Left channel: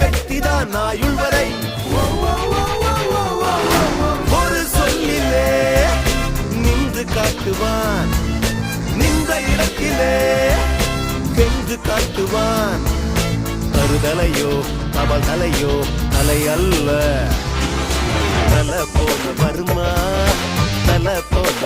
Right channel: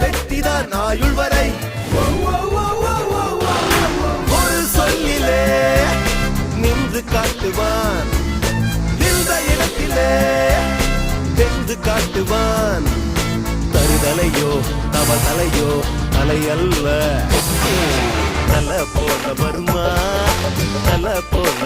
வெற்றிதான் ஆயுள் வரை. ஒரு சொல்லிலே நின்று காட்டுவான், நின்ற இடத்திலே நின்று காட்டுவான். தருதலையோ தவதலையோ தலை அல்ல, தல போட வருமா, தல போட